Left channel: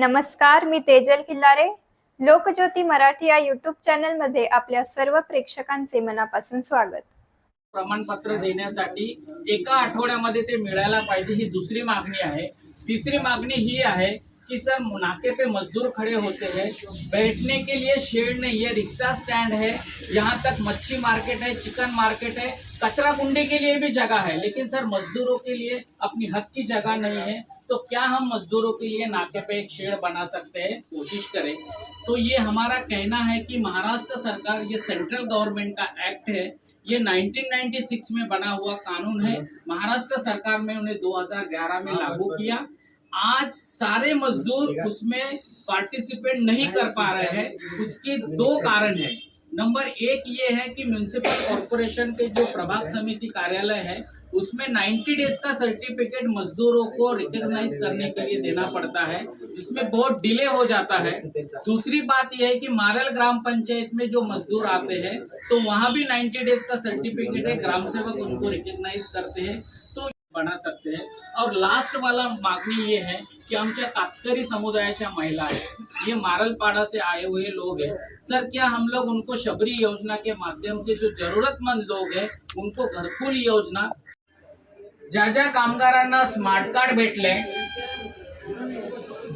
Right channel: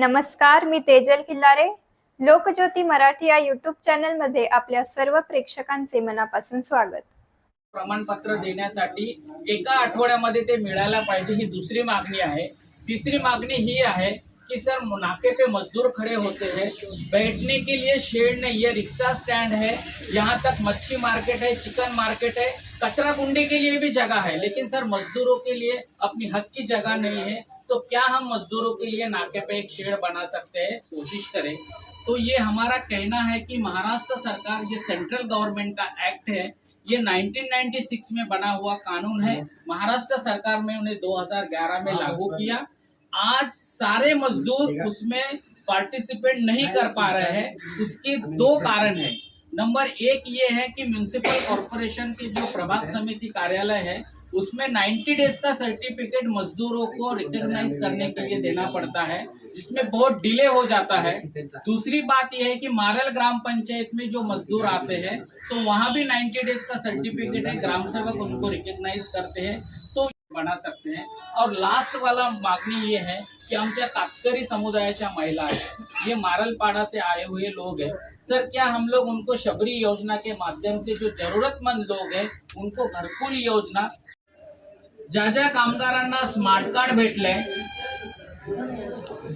नमस्कार मी तेजल किल्लारे लोकज्योती मराठी या युट्यूब चॅनलमध्ये आपल्या सर्व प्रेक्षकांचे मनापासून स्वागत. प्रमाणपत्र देण्यासाठी एका आठवड्यामध्ये ते मिळायला पाहिजे ही दुसरी मागणी आहे. तिसरी मागणी ही आहे कि सर नाके पे मजदूर खड़े होते हैं बैठने के लिए शेड नहीं है रिक्शा स्टैंड है यहाँ तक मच्छी मार्केट है चिकन मार्केट है कचरा कुंडी के लिए भी जगह है लेकिन सर मजदूरों के लिए अपनी हक की जगह नहीं है। तो क्या हम मजदूरों के लिए नाके पे एक शेड बना सकते हैं? कोशिश करें। तो ये हमारा कहना है कि महाराष्ट्र सरकार ये सेंट्रल गवर्नमेंट का एक्ट है। ये 1996 में बना हुआ कानून है। महाराष्ट्र सरकार में उन्हें 2011 में लागू किया। आज सारे मजदूर उसमें पार्टिसिपेट नहीं कर पा रहे हैं। उसके दो कारण है। नंबर एक ये है कि म्यूनिसिपल कॉरपोरेशन के जो प्रभाग समिति कार्यालय है उसमें 90 डेज़ का सर्टिफिकेट मजदूरों को रिकॉग्नाइज करने के लिए देना पड़ता है, जिसमें बहुत डिले हो जाता है। दूसरी बात यह है कि मारल ग्राम पंचायत में जो मजदूर आते हैं तो वहाँ भी 90 डेज़ का सर्टिफिकेट है, ग्राम सेवक उनको रिकॉग्नाइज करते हैं तो बना सकते हैं। और लास्ट वाला मागणी ये है कि आमच्या कातकरी समुदायाच्या महिला आहेत ये मारलपाड़ा से आए हुए लोग हैं। सर, क्या हम लोग उनको शबरी योजना के माध्यम से जो जरूरतमंद लोग हैं, उनको घरकुल योजना ज्या ज्या कामगारांना स्मार्ट कार्ड भेटले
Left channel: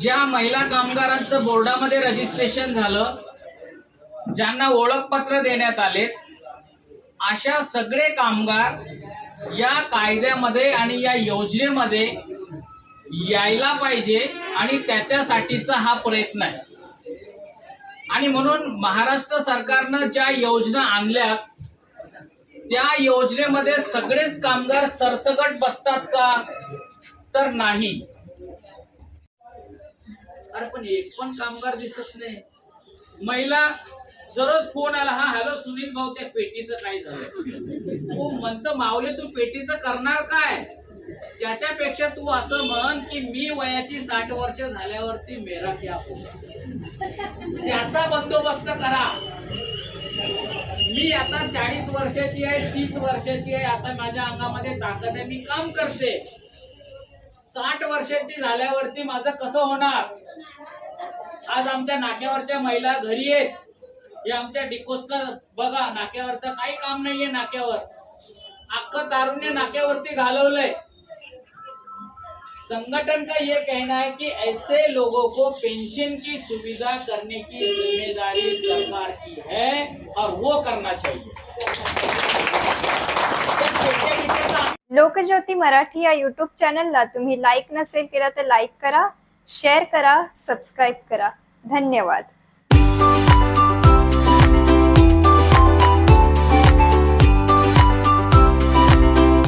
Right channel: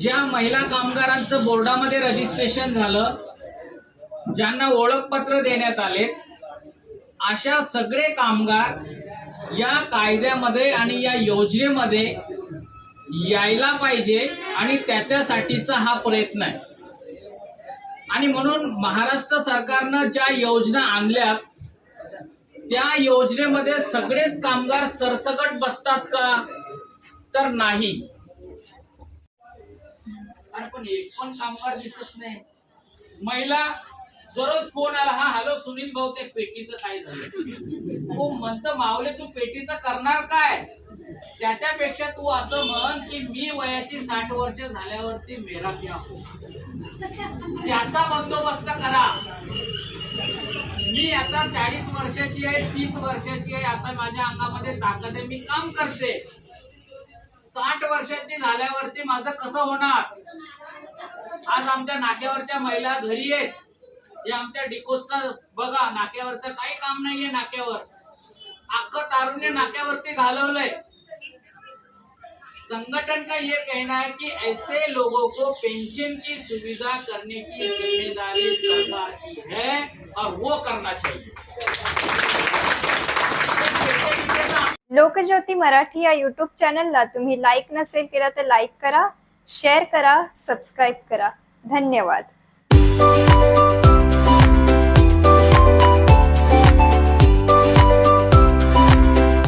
ज्या महिला कामगारांचं बोर्डामध्ये रजिस्ट्रेशन झालं ज्यांना ओळखपत्र देण्यात आले अशा सगळे कामगार या कायद्यामध्ये आणि या योजनेमध्ये यायला पाहिजे आणि त्याच्यासाठीचा हा प्रयत्न आहे. आणि म्हणून महाराष्ट्र सरकारनं ज्या योजना आणल्या त्या योजनेमध्ये सगळेच कामगार सरसगट बसतात का? तर नाही. अरे पण एक पण कामगार दिसत नाही. महिला दररोज फोन आला हा हॅलो सुनील भाऊ त्या पेटीचं काय झालं? हो, तू म्हणत मावले तू पेटीचं करणार काय? त्याच्यापेक्षा तू असं म्हण की मी वयाची साठ वर्ष झाल्यावरती मेरा क्या हो त्याचा बंदोबस्त करा. मी आता चाळीस वर्षाची आहे तीस वर्षाची आहे. आता माझ्या अंगामध्ये ताकद आहे. मी काम करते. साठ वर्षाची झाल्यावरती माझं कसं होणार? आज आमच्या नाक्यावरच्या महिला घरी आहेत. हे आमच्या डिकोस्टला बघा नाक्यावरचं काही काम नाहीये नाक्यावर. अख्खं तारुण्य नाक्यावरती घालवलंय. संगठन का ये कहना है कि ऐसे लोगों को पेंशन की सुविधा करने की ज़िम्मेदारी सरकार की है और वो करना चाहिए। लोकज्योती मराठी या युट्यूब चॅनलला तुम्ही लाईक नसेल केला तर लाईक करा शेअर करा सबस्क्राईब करा. धन्यवाद.